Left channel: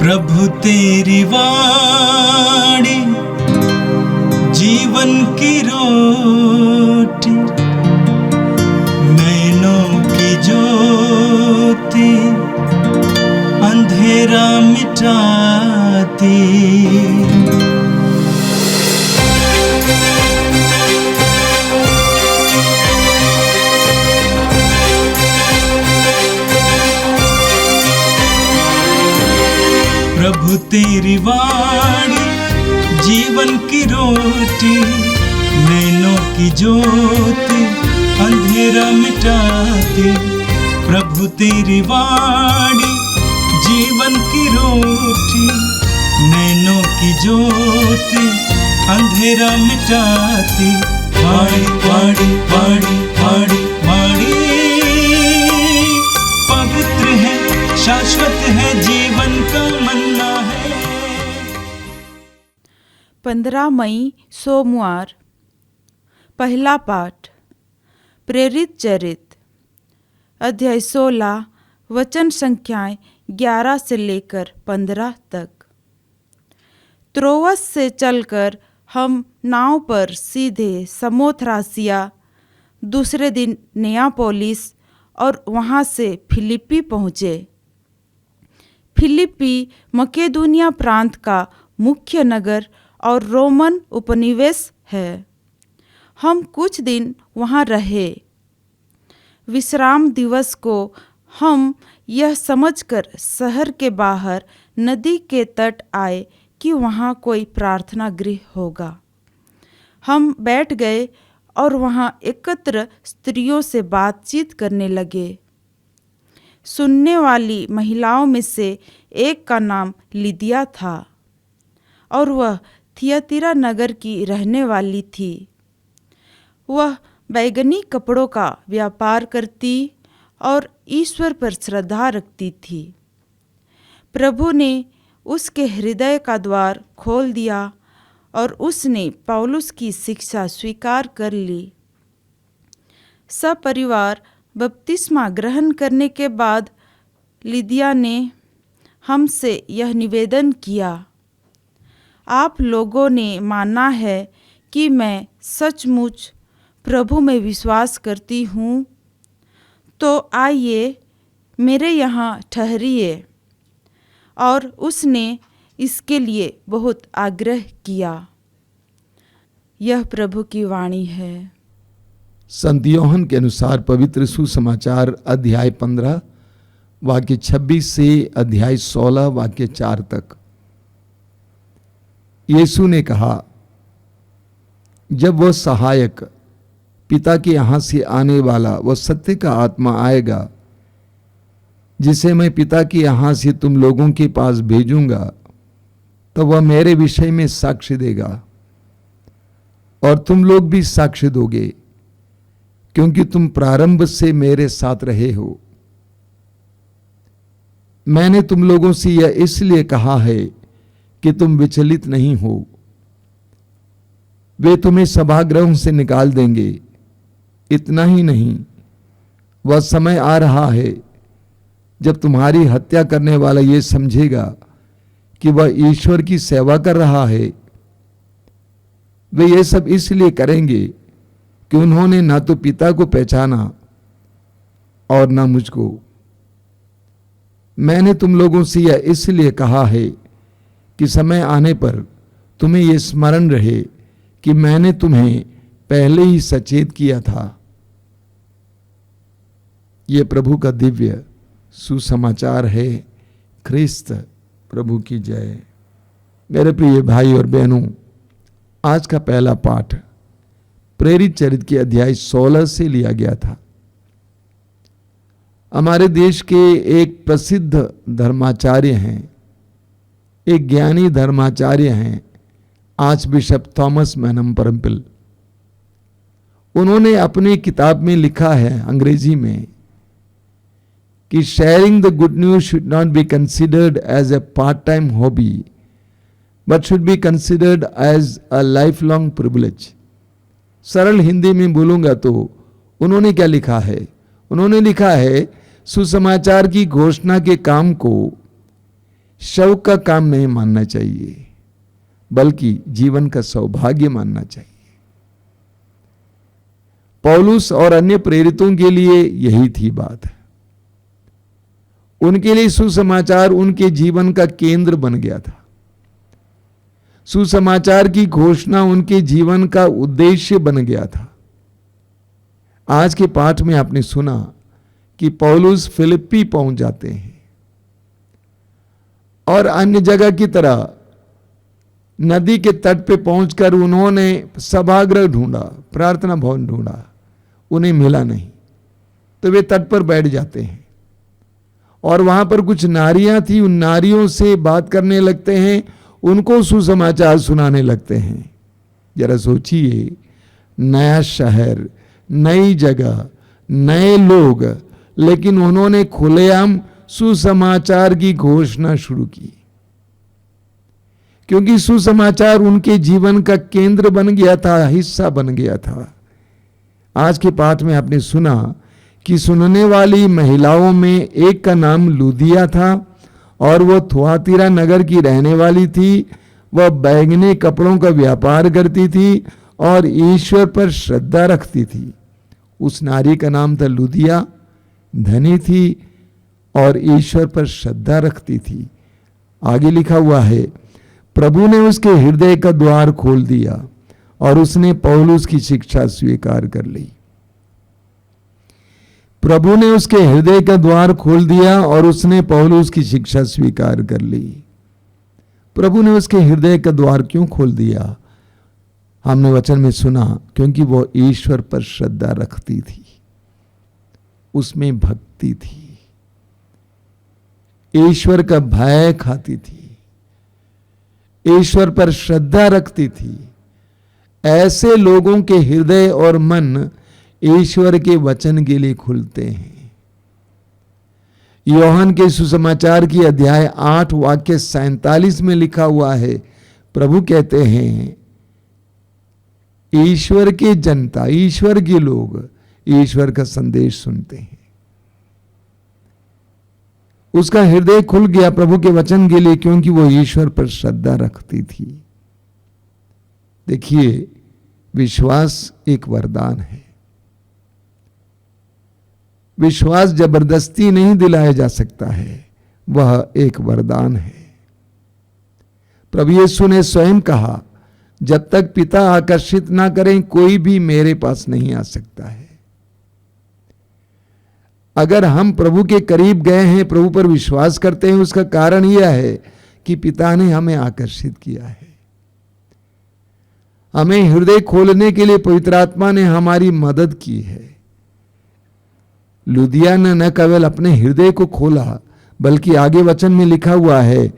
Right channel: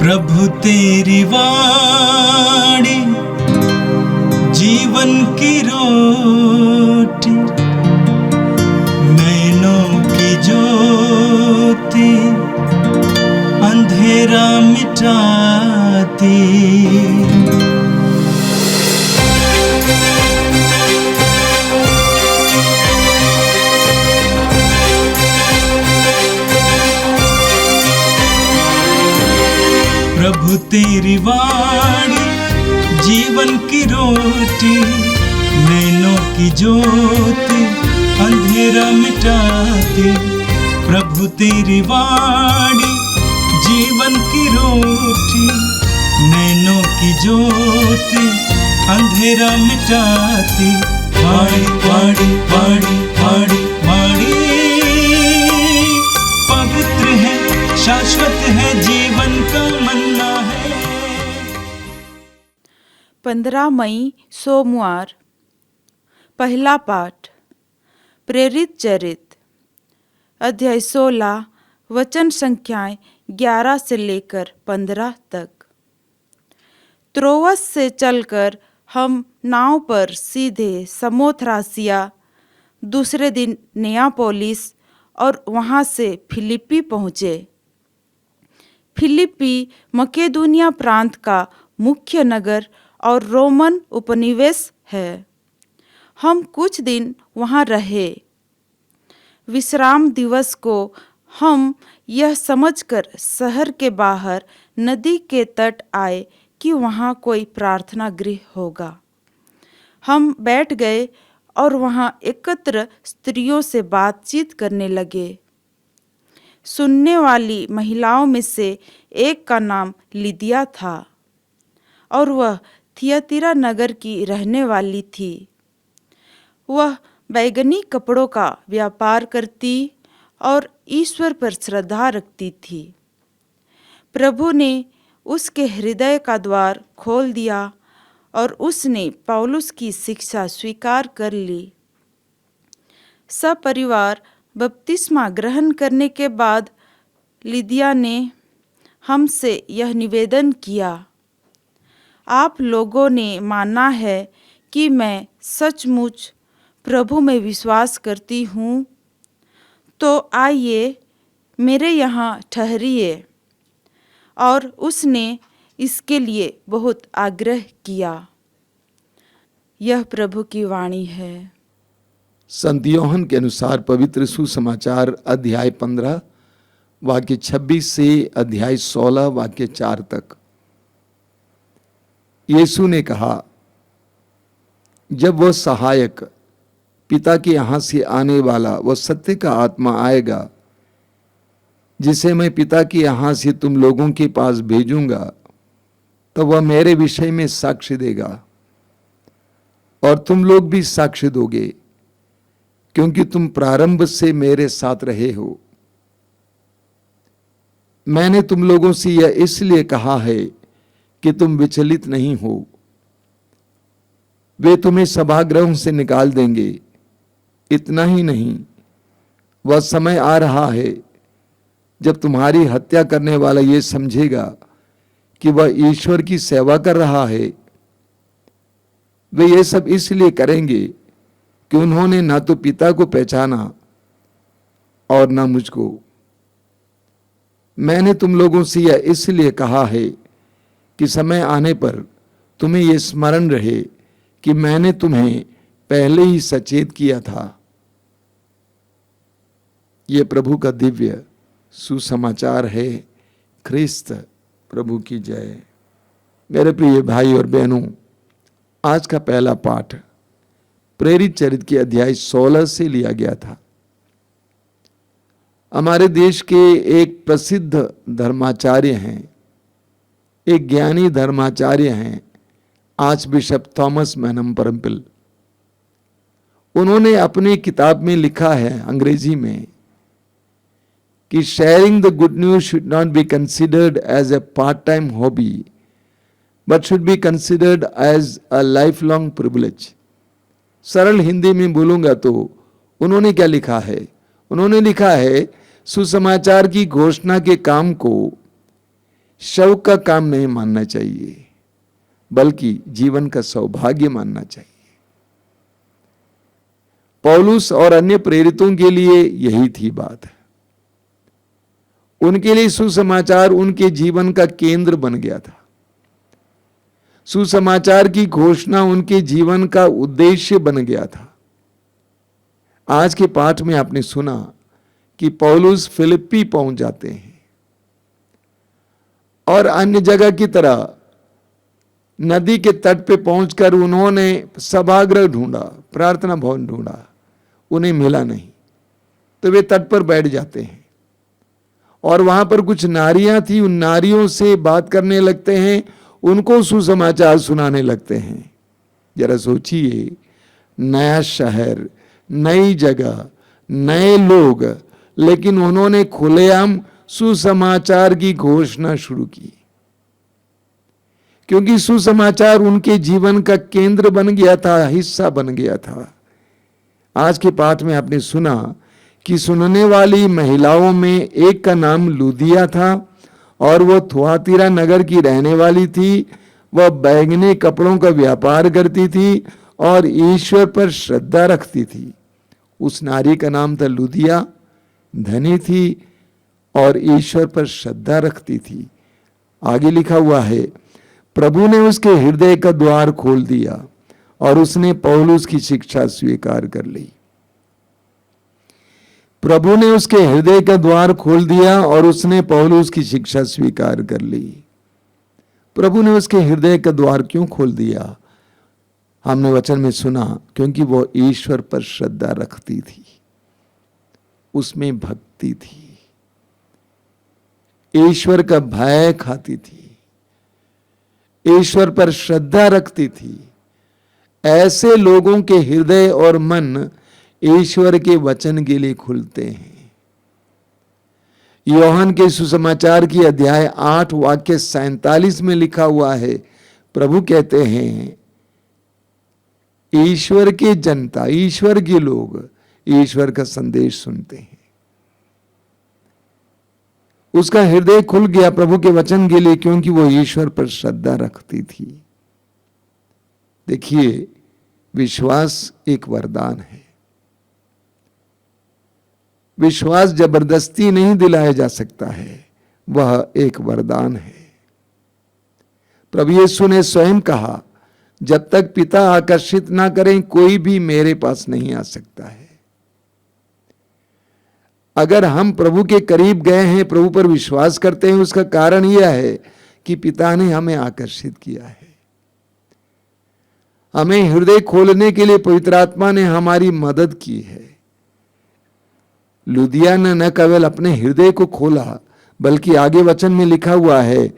प्रभु तेरी वाणी जीवन की रोटी, नैनों की ज्योति अंधेरा मिटाती। प्रभु तेरी वाणी जीवन की रोटी, नैनों की ज्योति अंधेरा मिटाती। प्रभु तेरी वाणी जीवन की रोटी, नैनों की ज्योति अंधेरा मिटाती। वाणी वाणी वाणी वाणी वाणी पवित्र है, शाश्वत है, जीवन का मन्ना है। 15 मई सोमवार। पहला पाठ प्रेरित चरित अध्याय 16 वचन संख्याएं 11 से लेकर 15 तक। त्रोवस से चलकर हम नाव पर सीधे समोथ्रासिया, दूसरे दिन नियापोलिस और वहाँ से फिलिप्पी पहुँचे। फिलिप्पी मकेदुनिया प्रांत का मुख्य नगर और रोमन उपनिवेश है। हम कुछ दिन वहाँ रहे। विश्राम दिवस को हम यह समझकर शहर के बाहर नदी के तट आए कि वहाँ कोई प्रार्थना गृह होगा। हम बैठ गए और वहाँ एकत्र स्त्रियों से बातचीत करने लगे। सुनने वाली महिलाओं में से एक का नाम लिदिया था और वह थियतीरा नगर की रहने वाली थी। वह बैगनी कपड़ों का व्यापार करती और ईश्वर पर श्रद्धा रखती थी। प्रभु ने उसके हृदय का द्वार खोल दिया और उसने पौलुस की शिक्षा स्वीकार कर ली। सपरिवार बपतिस्मा ग्रहण करने के बाद लिदिया ने हमसे यह निवेदन किया, आप लोगों ने माना है कि मैं सचमुच प्रभु में विश्वास करती हूँ, तो आइए मेरे यहाँ ठहरिए। और उसने इसके लिए बहुत आग्रह किया। यह प्रभु की वाणी है। संत योहन के अनुसार पवित्र सुसमाचार अध्याय 15 वाक्य 26 से अध्याय 16 वाक्य 4 तक। यीशु ने कहा, जब वह सहायक पिता के यहाँ से आने वाला वह सत्य का आत्मा आएगा, जिसे मैं पिता के यहाँ से तुम लोगों के पास भेजूंगा, तो वह मेरे विषय में साक्ष्य देगा और तुम लोग भी साक्ष्य दोगे, क्योंकि तुम प्रारंभ से मेरे साथ रहे हो। मैंने तुम लोगों से यह इसलिए कहा है कि तुम विचलित नहीं हो। वे तुम्हें सभागृहों से निकाल देंगे। इतना ही नहीं, वह समय आ रहा है जब तुम्हारी हत्या करने वाला ये समझेगा कि वह ईश्वर की सेवा कर रहा है। वे ये सब इसलिए करेंगे कि उन्होंने ना तो पिता को पहचाना और ना मुझको। मैंने तुम लोगों से यह इसलिए कहा है कि समय आने पर तुम्हें यह स्मरण रहे कि मैंने तुम्हें पहले ही सचेत किया था। यह प्रभु का दिव्य सुसमाचार है। ख्रिस्त प्रभु की जय। मेरे प्रिय भाई और बहनों, आज का पहला पाठ प्रेरित चरित के अध्याय 16 से लिया गया था। हमारे देश के एक प्रसिद्ध धर्माचार्य हैं, एक ज्ञानी धर्माचार्य हैं, archbishop Thomas Menamparampil. उन्होंने अपनी किताब में लिखा है अंग्रेजी में कि sharing the good news should not be considered as a part time hobby but should be considered as a life long privilege. सरल हिंदी में बोलूंगा तो उन्होंने क्या लिखा है? उन्होंने लिखा है, सुसमाचार की घोषणा के काम को शौक का काम नहीं मानना चाहिए, बल्कि जीवन का सौभाग्य मानना चाहिए। पौलुस और अन्य प्रेरितों के लिए यही थी बात। उनके लिए सुसमाचार उनके जीवन का केंद्र बन गया था। सुसमाचार की घोषणा उनके जीवन का उद्देश्य बन गया था। आज के पाठ में आपने सुना कि पौलुस फिलिप्पी पहुंच जाते हैं और अन्य जगह की तरह नदी के तट पे पहुंचकर उन्होंने सभागृह ढूंढा, प्रार्थना भवन ढूंढा, उन्हें मिला नहीं, तो वे तट पर बैठ जाते हैं और वहां पर कुछ नारियां थी, उन नारियों से बात करने लगते हैं, उनको सुसमाचार सुनाने लगते हैं। जरा सोचिए, नया शहर, नई जगह, नए लोग, लेकिन उन्होंने खुलेआम सुसमाचार की घोषणा शुरू की, क्योंकि सुसमाचार उनके जीवन का केंद्र बन गया था, हिस्सा बन गया था। आज के पाठ में आपने सुना कि सुनने वाली महिलाओं में एक का नाम लूदिया था और वह थुआतीरा नगर की रहने वाली थी। वह बैंगनी कपड़ों का व्यापार करती थी और ईश्वर पर श्रद्धा रखती थी। उस नारी का नाम था लूदिया, धनी थी और ईश्वर पर श्रद्धा रखती थी। आगे लिखा हुआ है, प्रभु ने उसके हृदय का द्वार खोल दिया और उसने पौलुस की शिक्षा स्वीकार कर ली। प्रभु ने उसके हृदय का द्वार खोल दिया और उसने पौलुस की शिक्षा स्वीकार कर ली। प्रभु ने उसके हृदय का द्वार क्यों खोल दिया? हमने वचन में सुना, क्योंकि वो ईश्वर पर श्रद्धा रखती थी, उसमें भक्ति थी, ईश्वर का भय खाती थी, ईश्वर पर श्रद्धा रखती थी। ऐसे लोगों के हृदय और मन ईश्वर के वचन के लिए खुलते हैं। यूहन्ना के सुसमाचार की अध्याय 8 वाक्य 47 में लिखा हुआ है, प्रभु कहते हैं, ईश्वर के जनता, ईश्वर के लोग ईश्वर का संदेश सुनते हैं। उसका हृदय खुल गया प्रभु के वचन के लिए, क्योंकि वो ईश्वर पर श्रद्धा रखती थी। देखिए, विश्वास एक वरदान है। विश्वास जबरदस्ती नहीं दिलाया जा सकता है, वह एक वरदान है। प्रभु यीशु ने स्वयं कहा, जब तक पिता आकर्षित ना करें कोई भी मेरे पास नहीं आ सकता है। अगर हम प्रभु के करीब गए हैं, प्रभु पर विश्वास करते हैं, उसका कारण यह है कि पिता ने हमें आकर्षित किया है। हमें हृदय खोलने के लिए पवित्र आत्मा ने हमारी मदद की है। लूदिया ने न केवल अपने हृदय को खोला, बल्कि आगे वचन में लिखा हुआ है,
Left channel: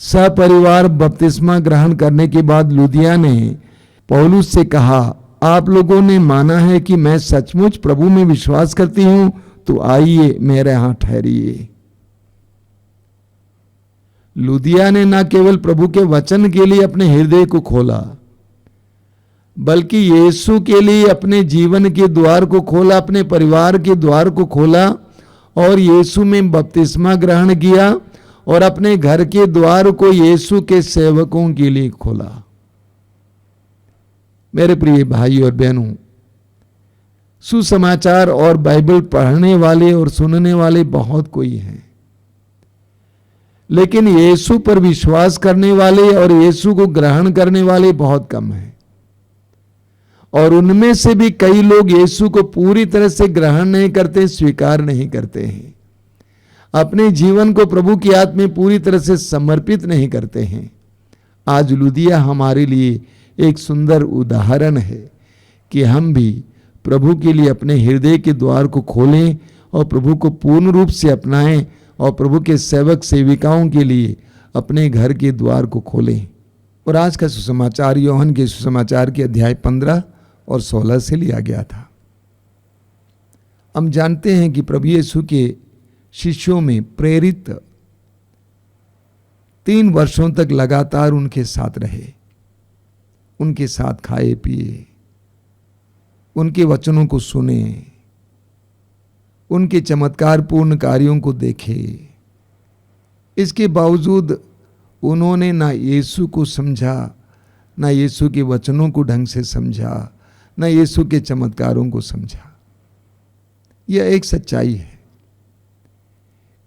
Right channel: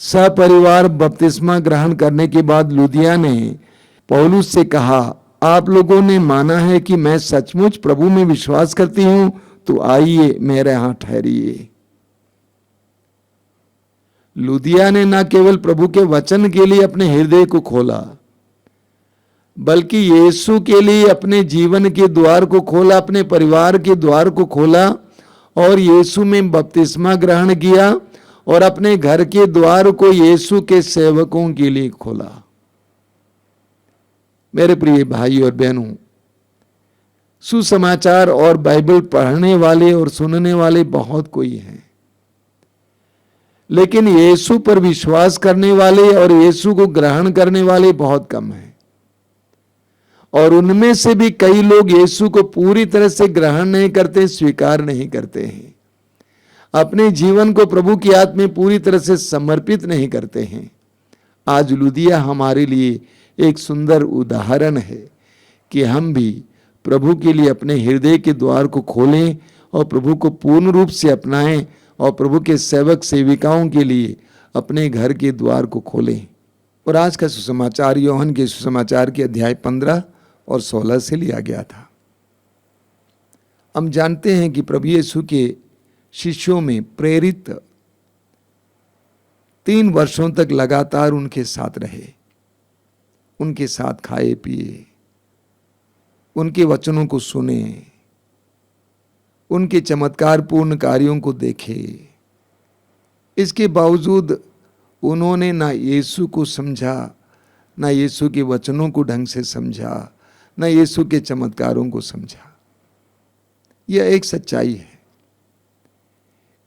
सपरिवार बपतिस्मा ग्रहण करने के बाद लूदिया ने पौलुस से कहा, आप लोगों ने माना है कि मैं सचमुच प्रभु में विश्वास करती हूं, तो आइए मेरे यहां ठहरिए। लूदिया ने न केवल प्रभु के वचन के लिए अपने हृदय को खोला, बल्कि यीशु के लिए अपने जीवन के द्वार को खोला, अपने परिवार के द्वार को खोला और यीशु में बपतिस्मा ग्रहण किया और अपने घर के द्वार को यीशु के सेवकों के लिए खोला। मेरे प्रिय भाई और बहनों, सुसमाचार और बाइबल पढ़ने वाले और सुनने वाले बहुत कोई हैं, लेकिन यीशु पर विश्वास करने वाले और यीशु को ग्रहण करने वाले बहुत कम हैं। और उनमें से भी कई लोग यीशु को पूरी तरह से ग्रहण नहीं करते, स्वीकार नहीं करते हैं, अपने जीवन को प्रभु की हाथ में पूरी तरह से समर्पित नहीं करते हैं। आज लूदिया हमारे लिए एक सुंदर उदाहरण है कि हम भी प्रभु के लिए अपने हृदय के द्वार को खोलें और प्रभु को पूर्ण रूप से अपनाएं और प्रभु के सेवक सेविकाओं के लिए अपने घर के द्वार को खोलें। और आज का सुसमाचार यूहन्ना के सुसमाचार के अध्याय 15 और 16 से लिया गया था। हम जानते हैं कि प्रभु यीशु के शिष्यों में प्रेरित 3 वर्षों तक लगातार उनके साथ रहे, उनके साथ खाए पिए, उनके वचनों को सुने, उनके चमत्कारपूर्ण कार्यों को देखे। इसके बावजूद उन्होंने ना यीशु को समझा, ना यीशु के वचनों को ढंग से समझा, ना यीशु के चमत्कारों को समझा। यह एक सच्चाई है।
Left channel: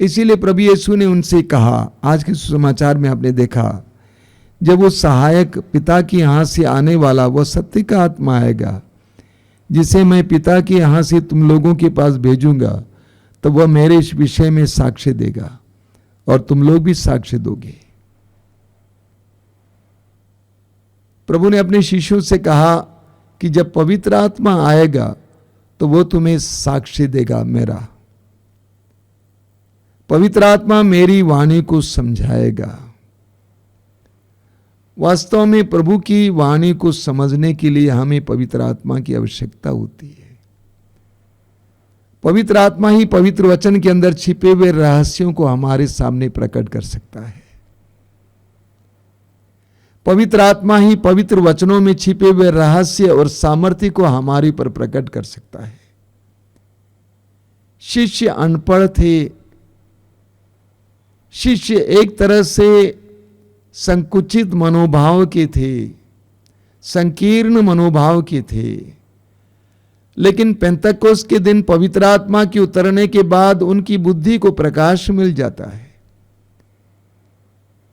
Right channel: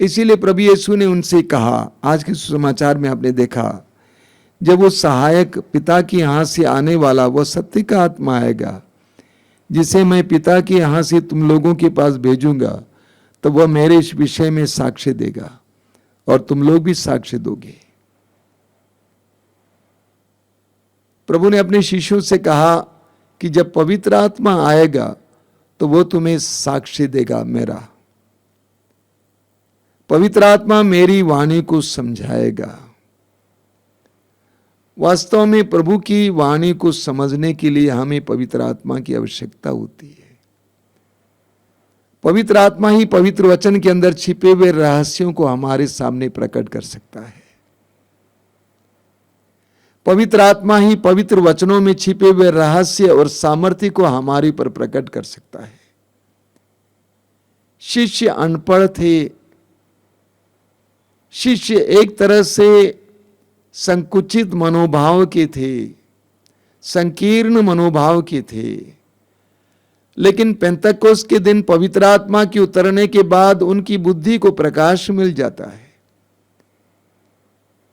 इसीलिए प्रभु यीशु ने उनसे कहा, आज के सुसमाचार में आपने देखा, जब वो सहायक पिता के यहाँ से आने वाला, वह सत्य का आत्मा आएगा, जिसे मैं पिता के यहाँ से तुम लोगों के पास भेजूंगा, तो वह मेरे इस विषय में साक्ष्य देगा और तुम लोग भी साक्ष्य दोगे। प्रभु ने अपने शिष्यों से कहा कि जब पवित्र आत्मा आएगा तो वो तुम्हें साक्ष्य देगा मेरा। पवित्र आत्मा मेरी वाणी को समझाएगा। वास्तव में प्रभु की वाणी को समझने के लिए हमें पवित्र आत्मा की आवश्यकता होती है। पवित्र आत्मा ही पवित्र वचन के अंदर छिपे हुए रहस्यों को हमारे सामने प्रकट कर सकता है। पवित्र आत्मा ही पवित्र वचनों में छिपे हुए रहस्य और सामर्थ्य को हमारे पर प्रकट कर सकता है। शिष्य अनपढ़ थे, शिष्य एक तरह से संकुचित मनोभाव के थे, संकीर्ण मनोभाव के थे, लेकिन पेंतकोस्त के दिन पवित्र आत्मा के उतरने के बाद उनकी बुद्धि को प्रकाश मिल जाता है।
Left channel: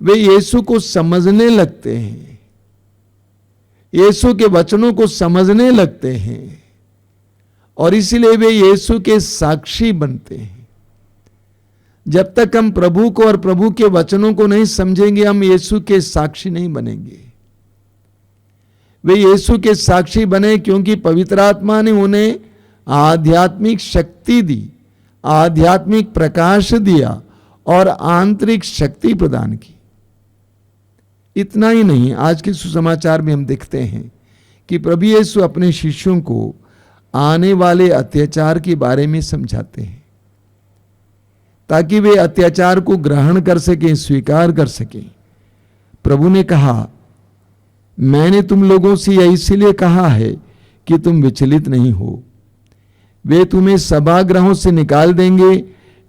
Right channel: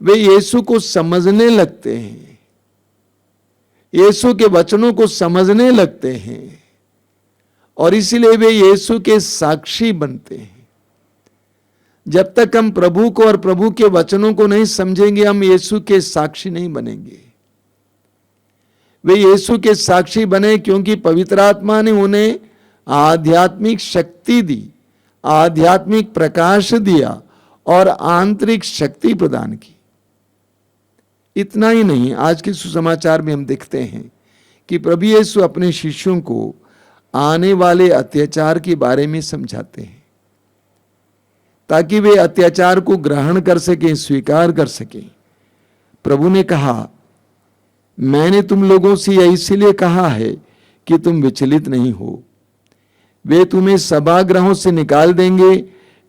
वे यीशु को समझने लगते हैं, यीशु के वचनों को समझने लगते हैं और इसीलिए वे यीशु के साक्षी बनते हैं। जब तक हम प्रभु को और प्रभु के वचनों को नहीं समझेंगे, हम यीशु के साक्षी नहीं बनेंगे। वे यीशु के साक्षी बने क्योंकि पवित्र आत्मा ने उन्हें आध्यात्मिक शक्ति दी, आध्यात्मिक प्रकाश दिया और आंतरिक शक्ति प्रदान की। इतना ही नहीं, आज के सुसमाचार में हम देखते हैं कि प्रभु यीशु अपने शिष्यों को आने वाले अत्याचार के बारे में समझाते हैं ताकि वे अत्याचार को ग्रहण कर सकें, स्वीकार कर सकें। प्रभु ने कहा, मैंने तुम लोगों से यह इसलिए कहा है कि तुम विचलित नहीं हो। वे तुम्हें सभागृहों से निकाल देंगे।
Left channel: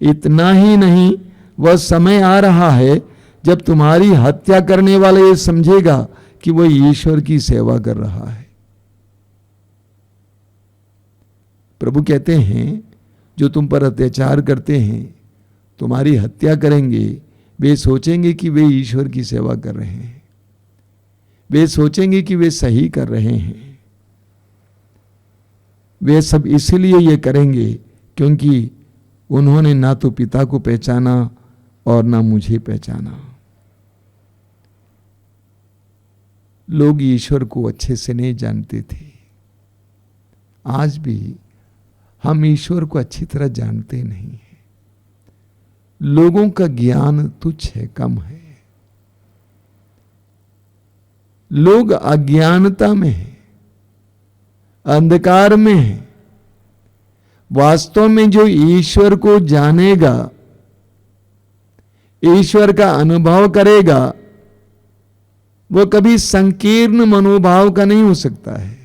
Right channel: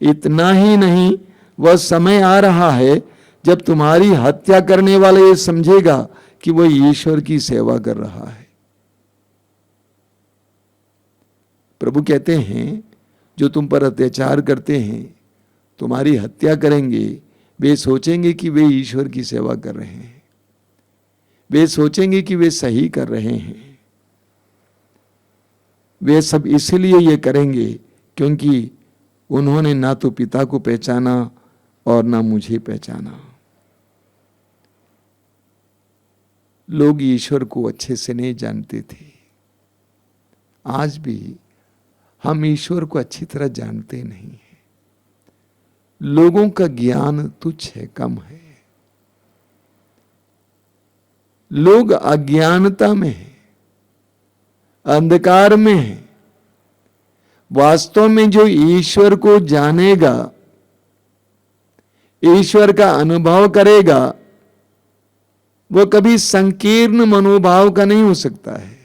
इतना ही नहीं, वह समय आ रहा है जब तुम्हारी हत्या करने वाला ये समझेगा कि वह ईश्वर की सेवा कर रहा है। प्रभु कहते हैं, जो तुम पर अत्याचार करते हैं, तुम्हारी हत्या करेंगे, वे सोचेंगे कि वे ईश्वर की सेवा कर रहे हैं, वे सोचेंगे कि वे सही कर रहे हैं। वे सब इसलिए ये करेंगे क्योंकि उन्होंने ना तो पिता को पहचाना और ना मुझे पहचाना। लोग ईश्वर को अच्छे से नहीं जानते थे। आज भी हम ईश्वर को अच्छी तरह जानते नहीं हैं। लोगों का ज्ञान तुच्छ है, कम है। लोग अज्ञानता में हैं, अंधकार में हैं। वास्तव में जो ईश्वर को जानेगा, ईश्वर का अनुभव करेगा, वो कभी संकीर्ण मनोभाव का नहीं हो सकता है,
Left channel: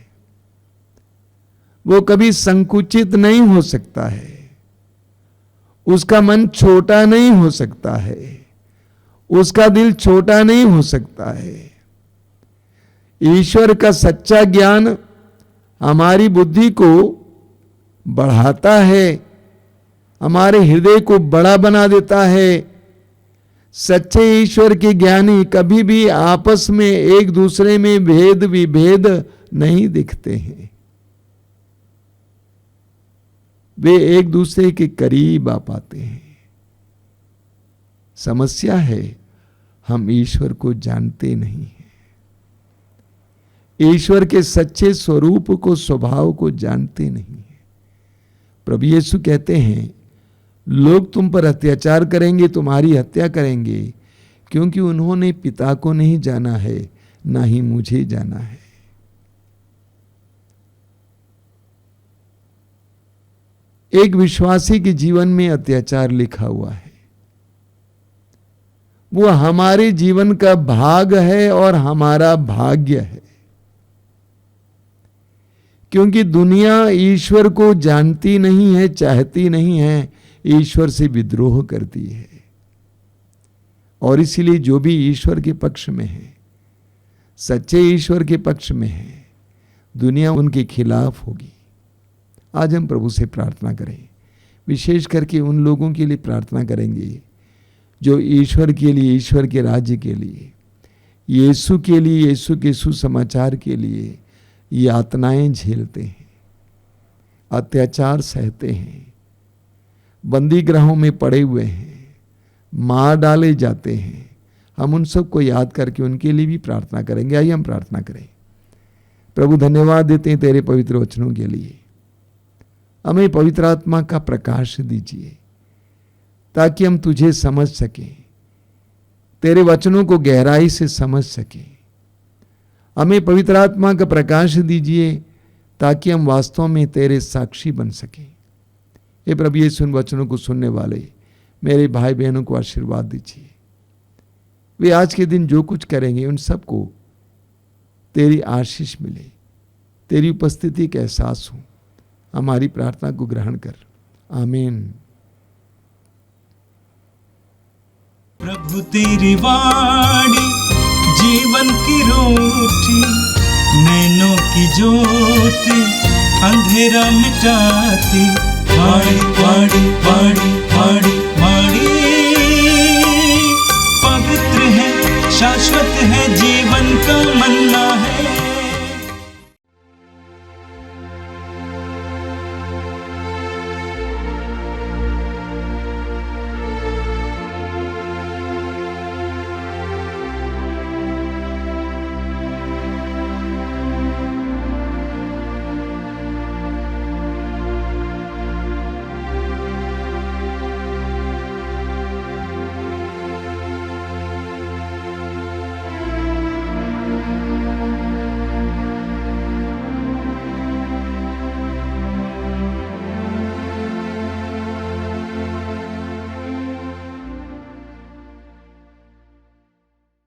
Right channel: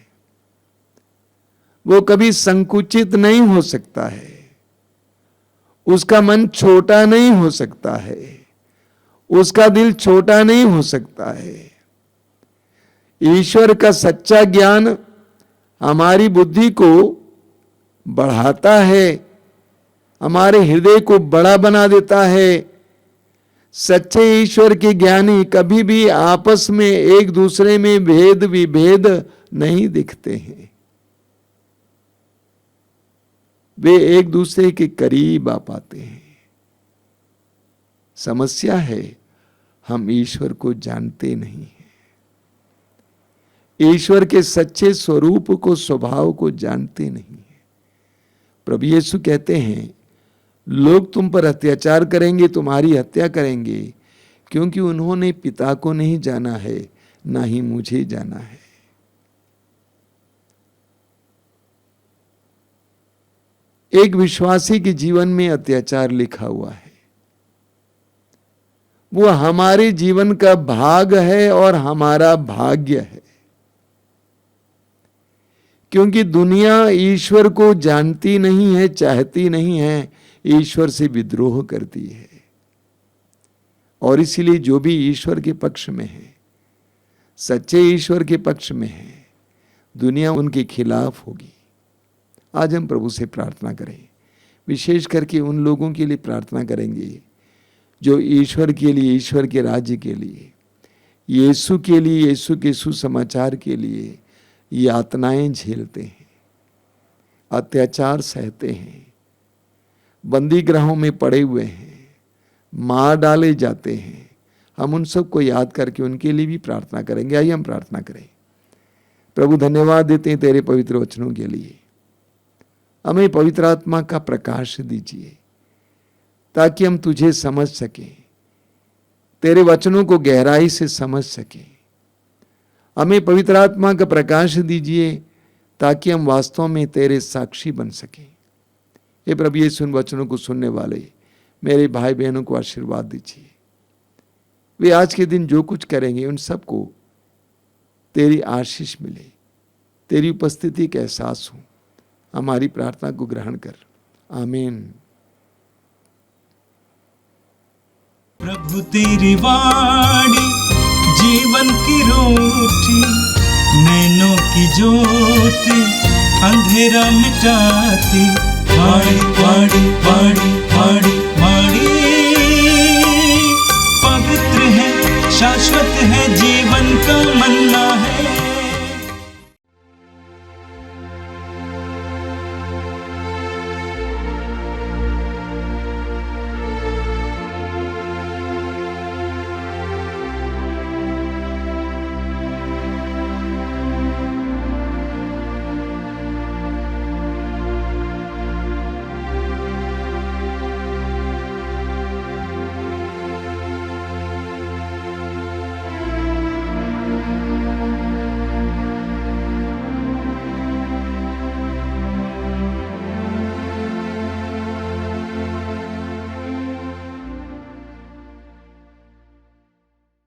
वो कभी संकुचित नहीं हो सकता है, उसका मन छोटा नहीं हो सकता है, उसका दिल छोटा नहीं हो सकता है। ईश्वर का सच्चा ज्ञान हमारी बुद्धि को बढ़ाता है, हमारे हृदय को बड़ा बना देता है। सच्चे ईश्वर के ज्ञानी कभी भी आपस में एक दूसरे में भेद विभेद नहीं दिखते हैं। वे एक दूसरे के करीब आ पाते हैं। समस्या है, हम ईश्वर को जानते नहीं हैं। ईश्वर के सच्चे स्वरूप को, स्वभाव को जानते नहीं हैं। प्रभु यीशु कहते हैं, लोग तुम पर अत्याचार करेंगे, तुम्हारी हत्या करेंगे, क्योंकि उन्होंने पिता को नहीं जाना है, ना ही मुझे जाना है। एक विश्वासी के जीवन में अत्याचार लिखा हुआ है, वो हमारे जीवन का भाग है और हमारा भाग्य है। क्योंकि दुनिया ईश्वर को जानती नहीं है, चाहती नहीं है, ईश्वर से विद्रोह करती है। और इसीलिए जो भी ईश्वर के पक्ष में है, सच्चे ईश्वर के पक्ष में है, दुनिया उनके खिलाफ होगी। आज हम प्रभु से प्रार्थना करें, विशेष करके उन लोगों के लिए प्रार्थना करेंगे जो ईश्वर के लिए, ईश्वर के राज्य के लिए, यीशु के लिए, यीशु के सुसमाचार के लिए यातनाएं झेलते हैं, अत्याचार सहते हैं, बंदी गृहों में पड़े हुए हैं, मार डाले जाते हैं। हम उन सबको याद करके उनके लिए भी प्रार्थना करेंगे। आइए हम प्रार्थना करें। प्रभु धन्यवाद देते हैं तेरे पवित्र वचनों के लिए। हमें पवित्र आत्मा का प्रकाश दीजिए ताकि हम तुझे समझ सकें, तेरे वचनों को गहराई से समझ सकें। हमें पवित्र आत्मा का प्रकाश दीजिए ताकि हम वास्तव में तेरे साक्षी बन सकें। हे प्रभु यीशु, उन वचनों को सुनने वाले मेरे भाई बहनों को आशीर्वाद दीजिए। वे आज के दिन जो कुछ करेंगे उन सबको तेरी आशीष मिले, तेरी उपस्थिति का एहसास हो। हमारी प्रार्थना को ग्रहण कर। आमीन। प्रभु तेरी वाणी जीवन की रोटी, नैनों की ज्योति अंधेरा मिटाती। वाणी वाणी वाणी वाणी वाणी